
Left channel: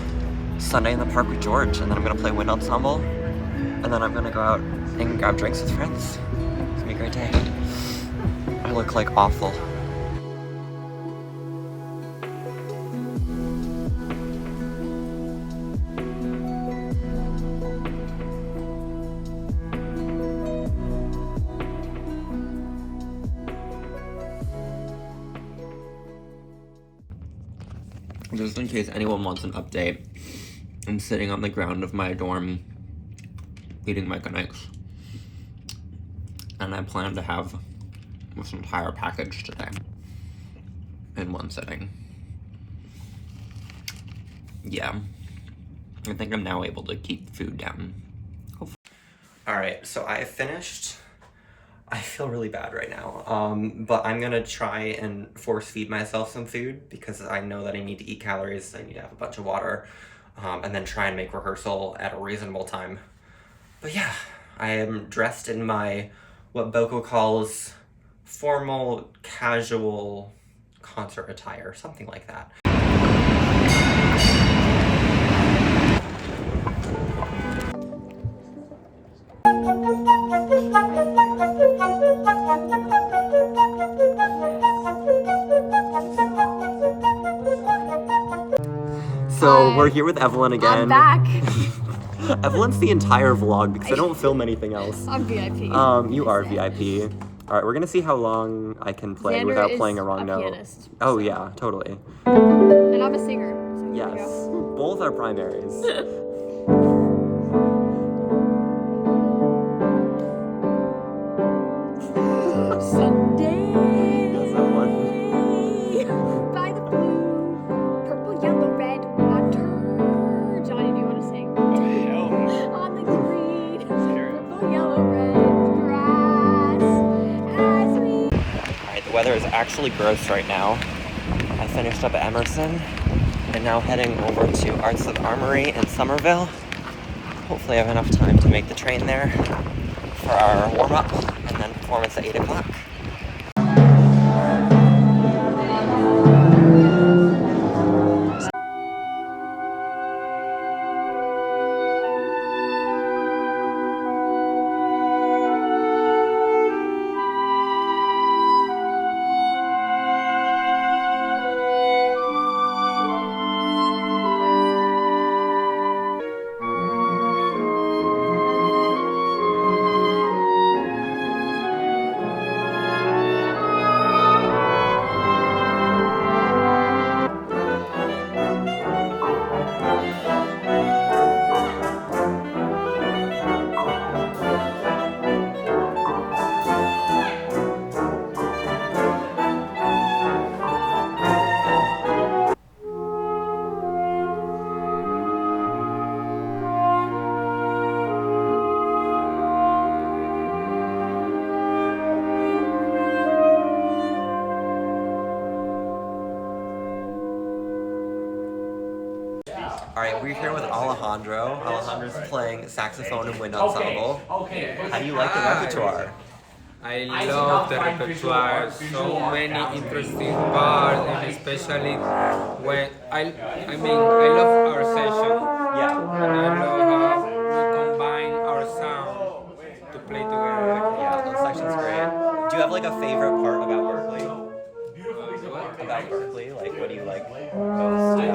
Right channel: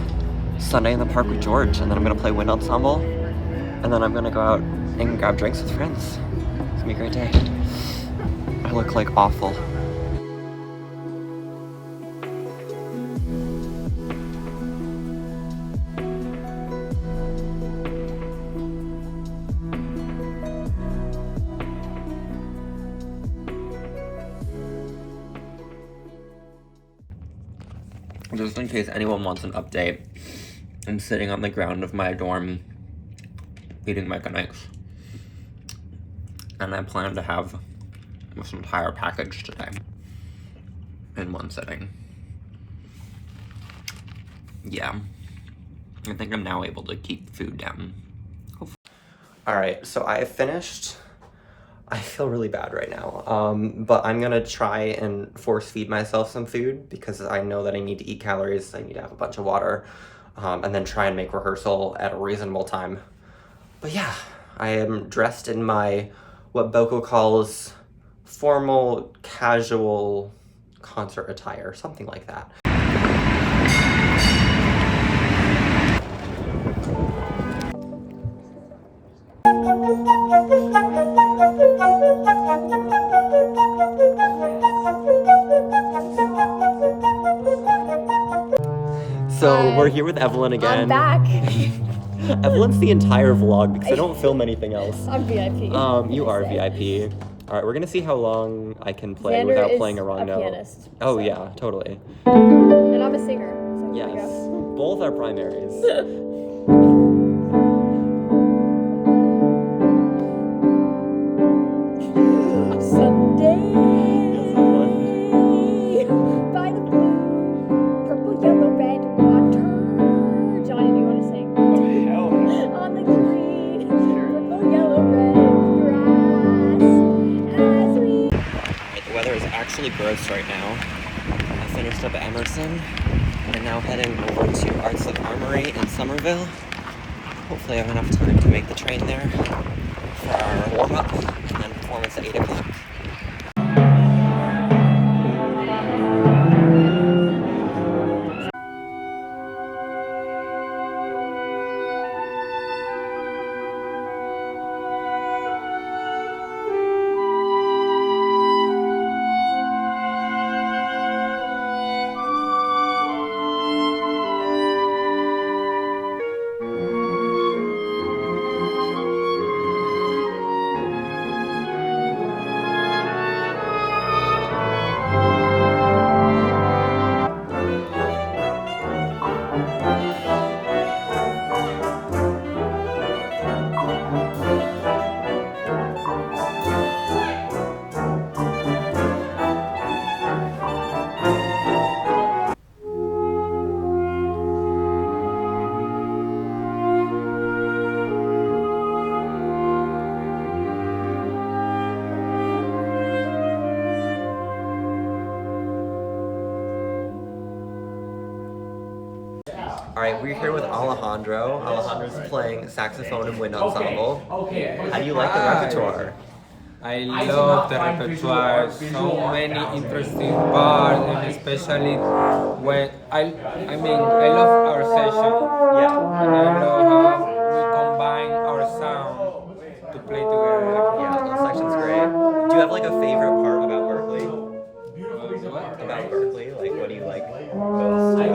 Sunday in the Park with George, and then I'm gonna play wind ensemble, and then I'm gonna go out and grab drinks with friends. It's gonna be a great day. I look like awful. Just in case anyone wants an update, I'm sitting on the ground of my dorm eating Mike and Ike's. And I plan to have this entire package today in one sitting. Yeah, I think I'm now able to keep food down. Alright, so I have finished. I feel really bad right now, but I'm gonna try and force feed myself some food because I know that I need to eat calories, I need to have a bunch of water, and then try and make rehearsal at a reasonable time. But yeah, I am dressed in my, what BoCo calls formal, casual concert attire, something like that. So we're here with Evelyn again. I'm back. Evelyn's the entire vlog because I don't film anything else. I'm VIP. You are VIP. All right, we're gonna see how long I can play Xander without is playing a wrong note. pianist, Oh so. Yeah, totally. And I'm a singer. So here Yes, we go. both are primaries. Sunday. Yes, Evelyn. By the blue, purple, yellow, red water. Johnny, do you want to sing? On the green, purple, yellow, red grass. As we. Alright, the weather is actually gross right now. I finished up at Emerson and now heading over to Arts of Armory in Somerville. Hopefully I have enough time to make the train there for our warm-up and then performance at 8 o'clock. Alright, we're here with Alejandro. Alejandro's playing saxophone and wind ensemble. How do you like the repertoire? I love the repertoire, so many interesting parts, and especially when I love our session. Yeah. And I love how we combine our sound to play you have like a favorite part about Berklee? About Berklee, like what do you like most? My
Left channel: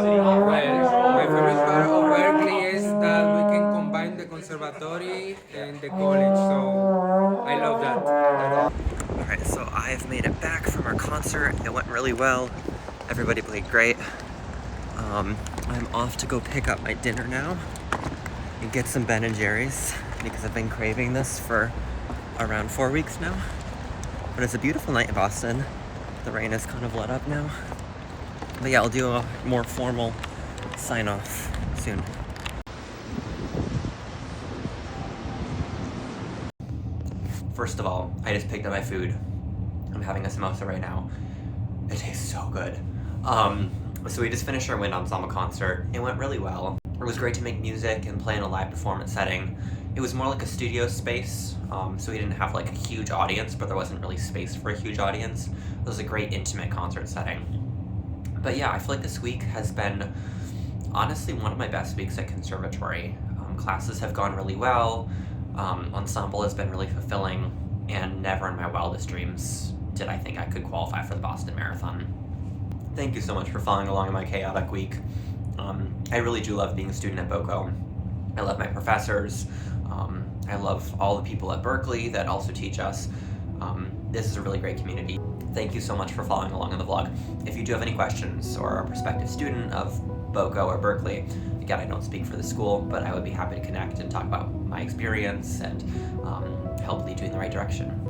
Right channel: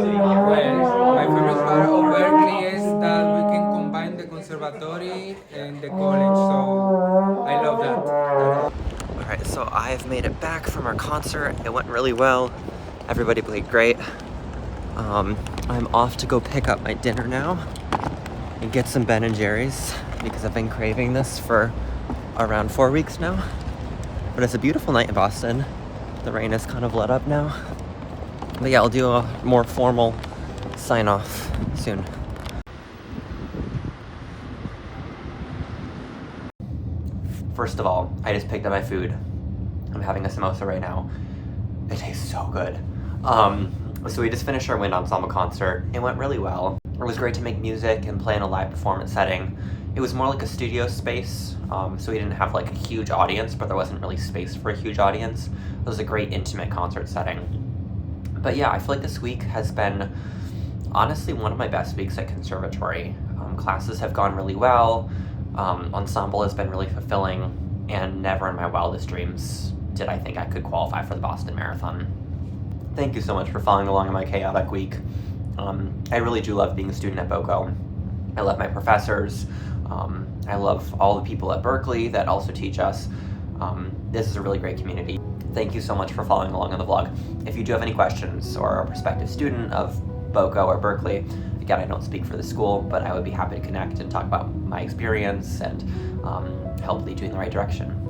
favorite part of Berklee is that we can combine the conservatory and the college, so I love that. Alright, so I've made it back from our concert. It went really well. Everybody played great. I'm off to go pick up my dinner now and get some Ben & Jerry's because I've been craving this for around 4 weeks now. But it's a beautiful night in Boston. The rain has kind of let up now. But yeah, I'll do a more formal sign off soon. First of all, I just picked up my food. I'm having a samosa right now. It tastes so good. So we just finished our wind ensemble concert. It went really well. It was great to make music and play in a live performance setting. It was more like a studio space, so we didn't have like a huge audience, but there wasn't really space for a huge audience. It was a great intimate concert setting. But yeah, I feel like this week has been honestly one of my best weeks at conservatory. Classes have gone really well, ensemble has been really fulfilling, and never in my wildest dreams did I think I could qualify for the Boston Marathon. Thank you so much for following along in my chaotic week. I really do love being a student at BoCo. I love my professors. I love all the people at Berklee that also teach us. This is a really great community. Thank you so much for following along on the vlog. If you do have any questions or are a prospective student of BoCo or Berklee, again, I don't speak for the school, but I would be happy to connect and talk about my experience and help lead you in the right direction.